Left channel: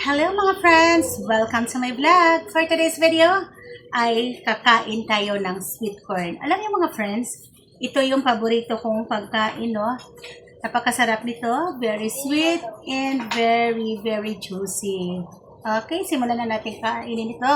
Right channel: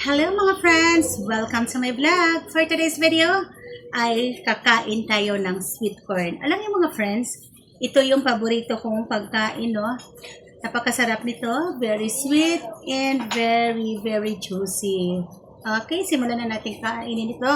Hello mga friends! Welcome to my vlog! For today's video ay kakain tayo ng sweet corn. Alam niyo mga friends, ito yung paborito kong pagkain, no? Napakasarap nito, very sweet and very juicy. Okay, simulan na natin kainin ito.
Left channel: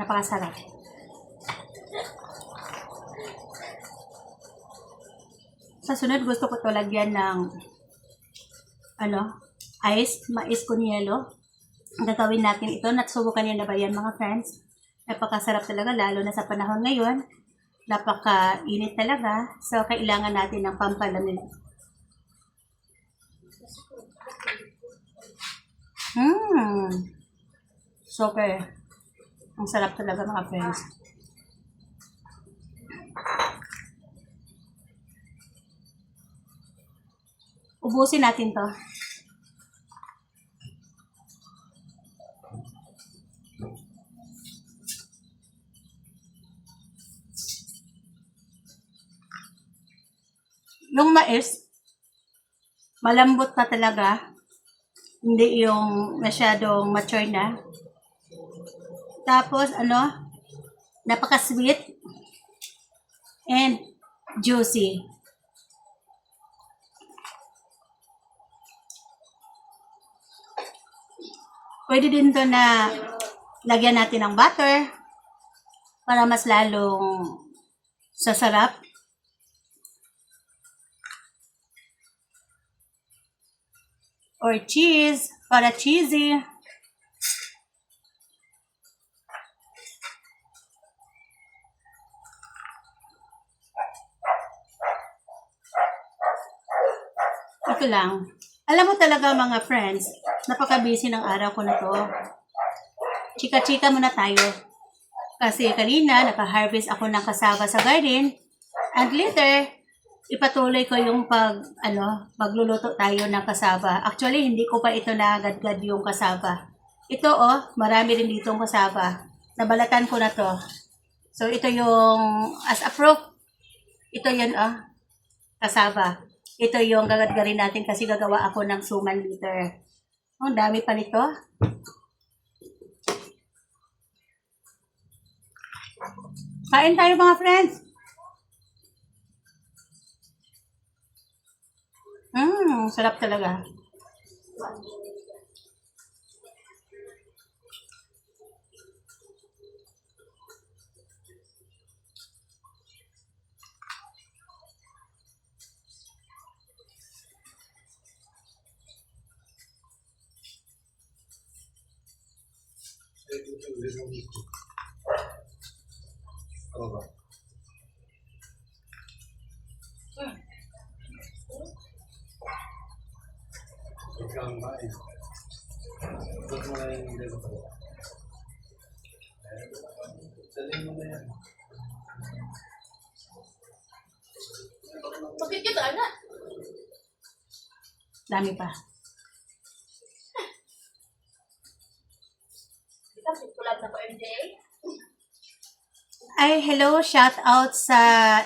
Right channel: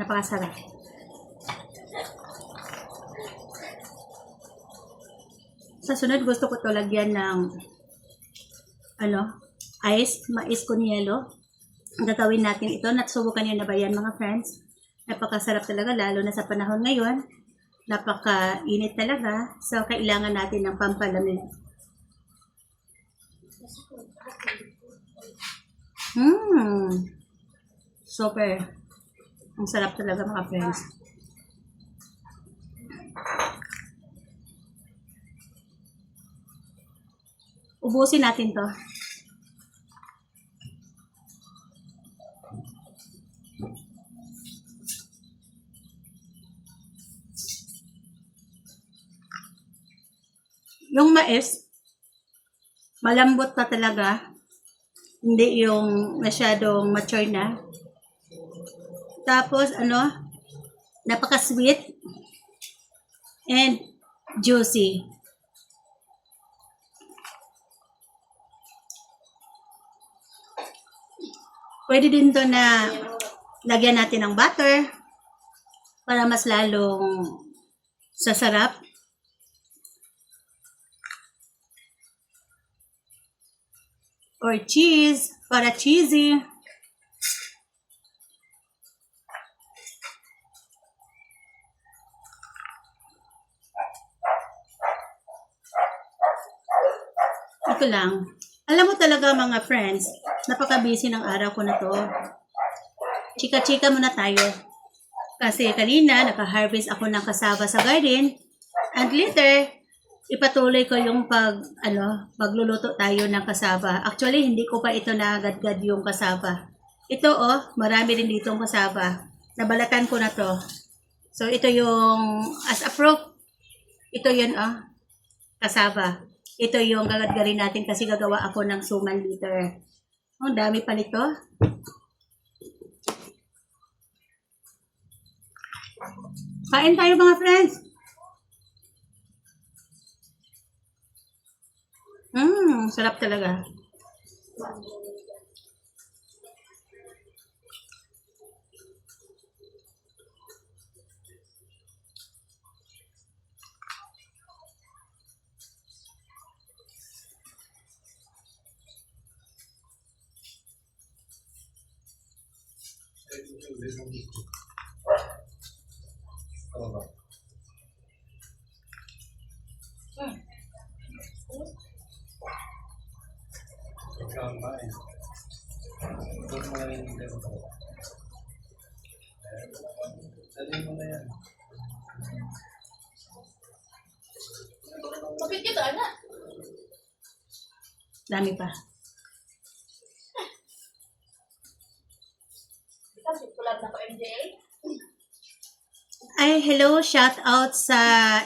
Napakasarap. Sa sunod, gusto ko to lagyan ng mais con yelo. Ang gagawin natin ito, nasubukan niyo na ba yan mga friends? Napakasarap talaga, lalo na sa panahon ngayon. Napaka-init talaga. So, kailangan natin ng pampalamig. Super. Ang sarap talaga mga friends. Ubusin natin to. Yung mais, malambot pa talaga. Hindi yung masyadong mature na. Tapos, napaka-sweet and juicy. Pwede din to na lagyan natin ng butter para mas lalong sasarap. Or cheese, para cheesy. Ito lang. Alam mo talaga mga friends, napaka-busy ng araw ko na to. Chika-chika muna tayo. Kasi kanina, naka-harvest ako ng cassava sa garden. And later, ipatuloy ko yung magluluto tayo ng cassava. Actually, hindi ko pa ito nagadgad yung cassava. Ito, marami din ditong cassava. Nabalatan ko na to. So, ito yung, as a proof, ito yun, cassava. Ito yung gagadgarin natin kasi gagawa ako ng suman liter. Ang dami pa nito. Kain tayo mga friends. Sarap talaga. Bakit kita anak? Dami pa. Kita sulat na ko MJ. Ay, hello, shout out sa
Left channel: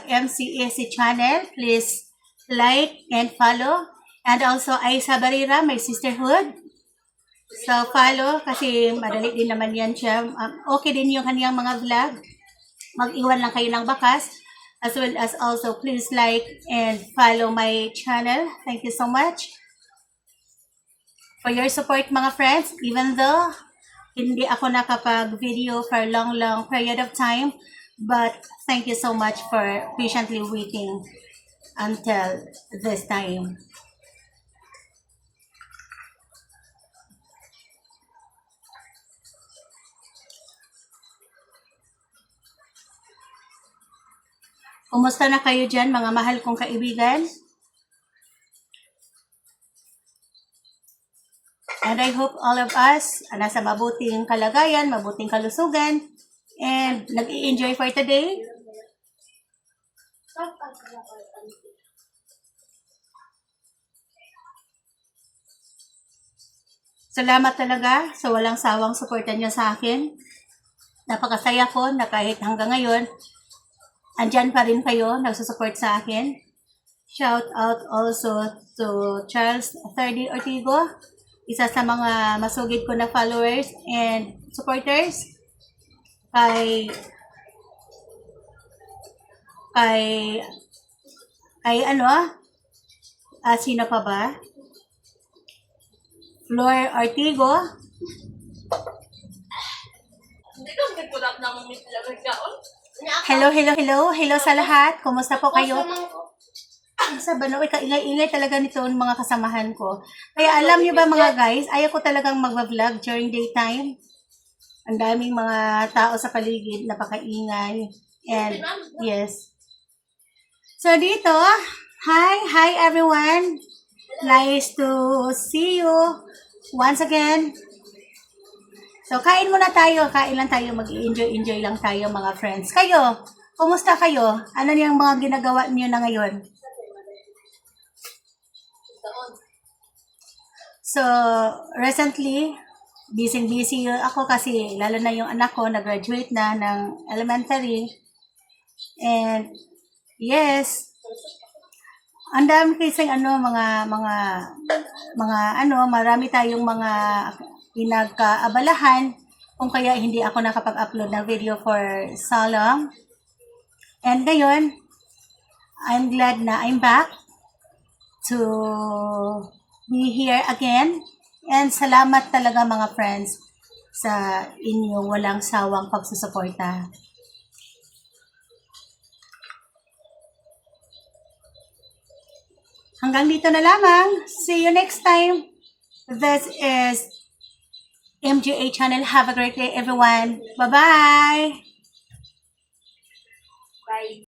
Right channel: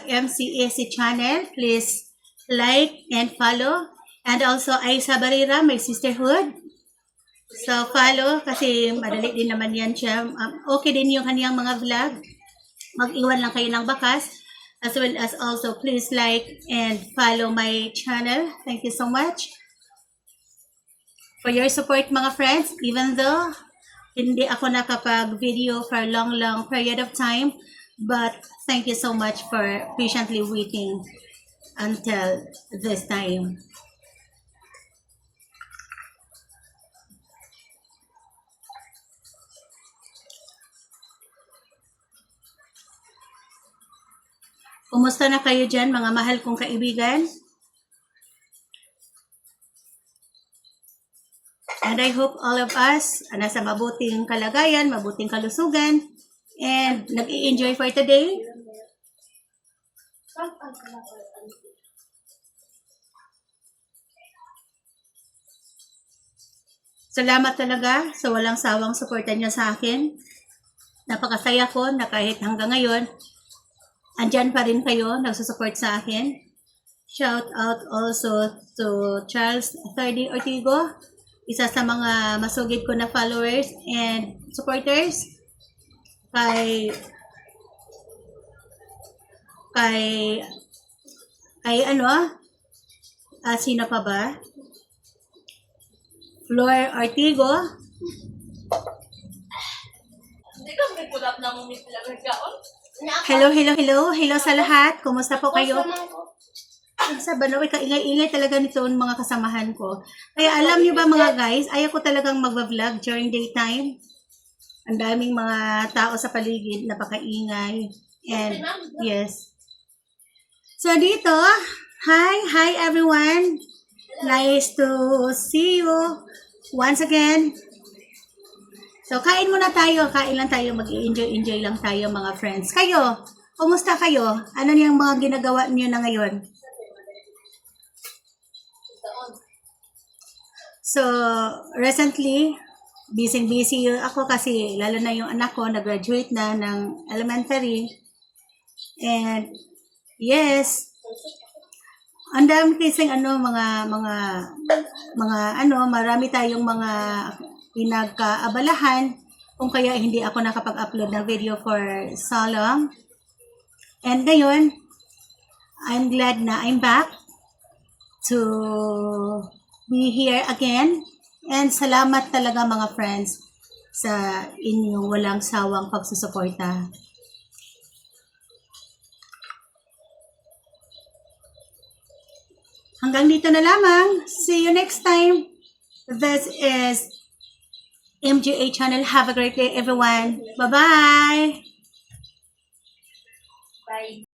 MCAC channel. Please like and follow. And also, ay sa Barira, my sisterhood. So, follow kasi madali din naman yan siya. Okay din yung kaniyang mga vlog. Mag-iwan lang kayo ng bakas. As well as also, please like and follow my channel. Thank you so much for your support mga friends. Even though hindi ako nakapag-video for long period of time. But thank you so much for patiently waiting until this time. Kumusta na kayo dyan, mga mahal kong kaibigan? And I hope all of us nasa mabuting kalagayan, mabuting kalusugan, and nag-i-enjoy for today. Salamat talaga sa walang sawang suporta niyo sa akin. Napakasaya ko na kahit hanggang ngayon, andyan pa rin kayo, nagsusupport sa akin. Shout out also to Charles Ferdy Ortigo, isa sa mga masugid ko na followers and supporters. Kay ano, sino pa ba? Flor Ortigo, Hindi ka magpulap ng umit talaga kaon. hello sa lahat. Kumusta po kayo? Sa bano, kaingay-ingay talaga nito ng mga kasamahan ko. Kaya alam niyo ba mga guys, ayaw ko talagang mag-vlog during daytime. Ang daming mga tao sa paligid, napakaingay. And yes. So dito, hi everyone. Nice to see you once again. So kain muna tayo, kain lang tayo, mag-enjoy lang tayo mga friends. Kayo, kumusta kayo? Ano yung mga ginagawa niyo na ngayon? So, recently, busy ako kasi lalo na yung anak ko nag-graduate na ng elementary. And yes, ang dami kasing marami tayong mga pinagkaabalahan kung kaya hindi ako nakapag-upload ng video for so long. And ngayon, I'm glad na I'm back to be here again. And salamat talaga mga friends sa inyong walang sawang pagsusuporta. Hanggang dito na lamang. See you next time. This is MGA channel. Have a great day everyone. Bye-bye. Bye.